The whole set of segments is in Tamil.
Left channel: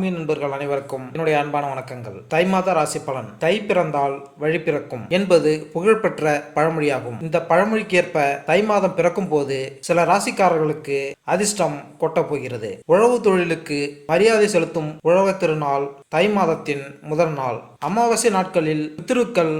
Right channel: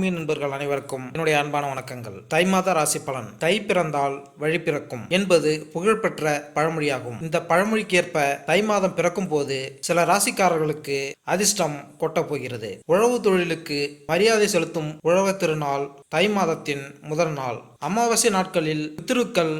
ஆன்மீக நண்பர்கள் அனைவருக்கும் என்னுடைய அன்பான வணக்கங்கள். தை மாத ராசி பலன். தை பிறந்தால் வழி பிறக்கும் என்பது புகழ்பெற்ற பழமொழியாகும். இந்த பழமொழிக்கேற்ப தை மாதம் பிறக்கும் போது சில ராசிக்காரர்களுக்கு அதிர்ஷ்டம் கொட்ட போகிறது. உழவு தொழிலுக்கு மரியாதை செலுத்தும் உழவர் திருநாள் தை மாதத்தின் முதல் நாள். அமாவாசை நாட்களில் பித்ருக்கள்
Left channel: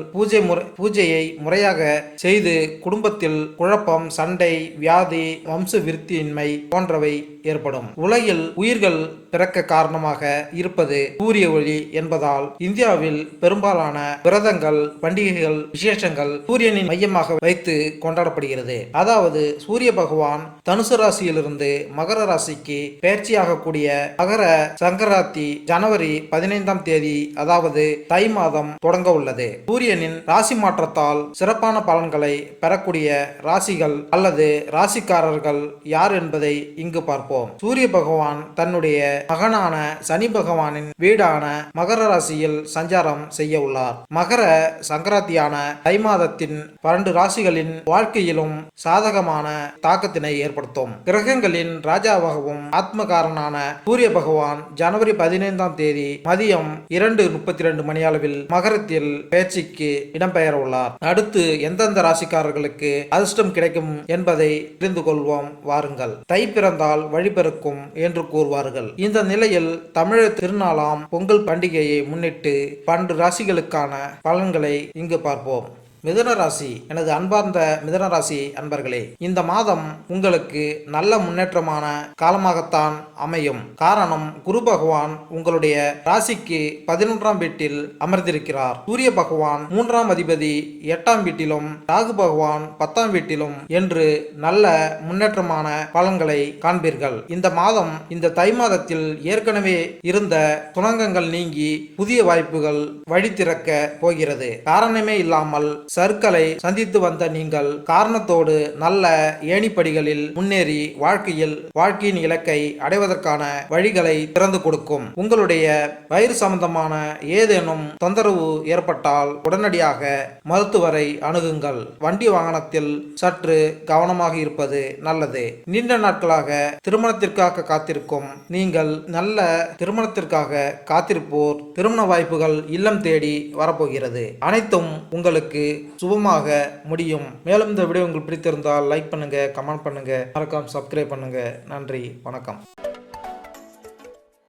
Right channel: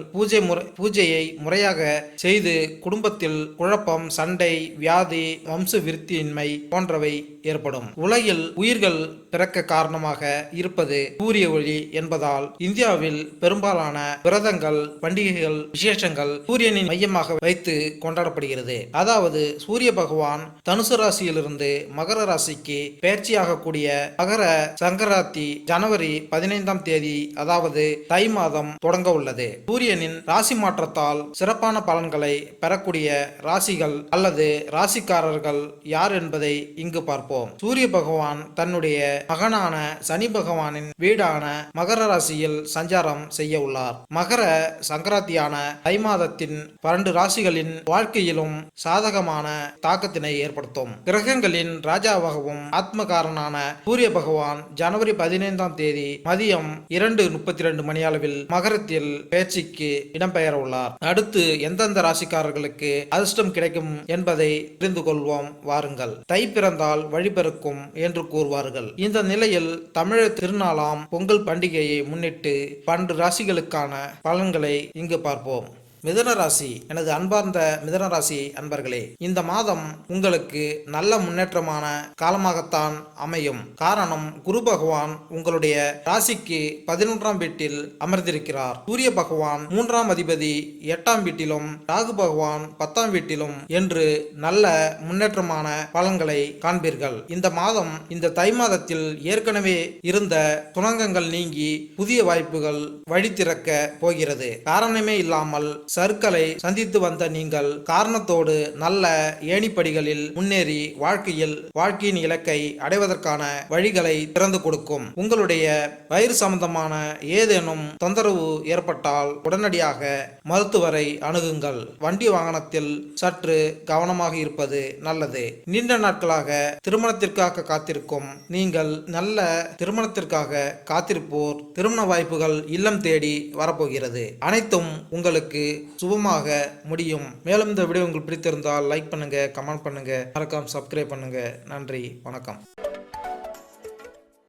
பூஜையை முறையாக செய்து குடும்பத்தில் குழப்பம், சண்டை, வியாதி, வம்ச விருத்தியின்மை போன்றவை ஏற்படும். உலகில் உயிர்கள் பிறக்க காரணமாக இருப்பது சூரிய ஒளி என்பதால் இந்தியாவில் பெரும்பாலான விரதங்கள், பண்டிகைகள், விசேஷங்கள் சூரியனின் மையமாக வைத்து கொண்டாடப்படுகிறது. அதாவது சூரிய பகவான் தனுசு ராசியிலிருந்து மகர ராசிக்கு பெயர்ச்சியாகக்கூடிய மகர சங்கராந்தி ஜனவரி 15ஆம் தேதி, அதாவது தை மாதம் தொடங்க உள்ளது. சூரியனின் ராசி மாற்றத்தால் சிறப்பான பலன்களை பெறக்கூடிய ராசிகள் அல்லது ராசிக்காரர்கள் யார் என்பதை இங்கு பார்ப்போம். சூரிய பகவான் தன்னுடைய மகனான சனி பகவானின் வீடான மகர ராசியில் சஞ்சாரம் செய்ய உள்ளார். மகர சங்கராந்தியான தை மாதத்தின் 12 ராசிகளின் வாழ்க்கையிலும் சாதகமான தாக்கத்தினை ஏற்படுத்தும். கிரகங்களின் ராஜாவாகவும் ஆத்மகாரனான சூரிய பகவான் ஜனவரி 15ஆம் தேதி மதியம் 2:32 மணியளவில் மகரத்தில் பெயர்ச்சிக்கு இடம்பெயர உள்ளார். அடுத்து எந்தெந்த ராசிக்காரர்களுக்கு அதிர்ஷ்டம் கிடைக்கும் என்பதை தெரிந்து கொள்வோம் வாருங்கள். தை பிறந்தால் வழிபிறக்கும் என்று கூறுவார்கள். இந்த நிலையில் தமிழர் திருநாளாம் பொங்கல் பண்டிகையை முன்னிட்டு 12 ராசிகளுக்கான பலன்களை இங்கு பார்ப்போம். மிதுன ராசி. எனது அன்பார்ந்த மிதுன ராசி அன்பர்களே, இந்த மாதம் உங்களுக்கு நல்ல முன்னேற்றமான காலமாகத்தான் அமையும். காரணம், குரு பகவான் உங்களுடைய ராசிக்கு 11ஆம் வீட்டில் அமர்ந்திருக்கிறார். சூரிய பகவான் 3ஆம் அதிபதி 8ஆம் வீட்டிலும், ராகு பகவான் 10ஆம் வீட்டிலும் என்று நல்ல முன்னேற்றமான பலன்களை காண்பீர்கள். இந்த மாதம், இந்த தை மாதத்தில் ஏற்கனவே இருந்த துணங்கங்கள் நீங்கி புதிய வாய்ப்புகள் வழி திறக்க போகிறது. காரணமே இல்லாமல் சர்க்களை சந்தித்து வந்த நீங்கள் காரணத்தோடு நல்ல ஏணிப்படிகளில் முன்னேறி வாழ்க்கையின் இலக்கை அடைவதற்கான வழிகளை திறந்து கொடுக்கும். உங்களுடைய வயிறு சம்பந்தமான ஏதேனும் தொந்தரவு ஏற்பட்டால் உடனடியாக மருத்துவரை அணுகுங்கள். வண்டி வாகனத்தில் சற்று கவனமாக இருப்பது நல்லது. நீண்ட நாட்களாக திருமணத்திற்காக காத்திருக்கும் நீங்கள், நல்ல திருமணத்திற்காக காத்திருப்போர் திருமண வாய்ப்புகள் இல்லம் தேடி வரப்போகிறது. அனைத்தும் உங்களுக்கு சுபமாக முடியும். மேலும் இந்த வீடியோ உங்களுக்கு பிடித்திருந்தால் லைக் பண்ணுங்க, கமெண்ட் பண்ணுங்க, மறக்காம சப்ஸ்கிரைப் பண்ணுங்க. நன்றி, வணக்கம்.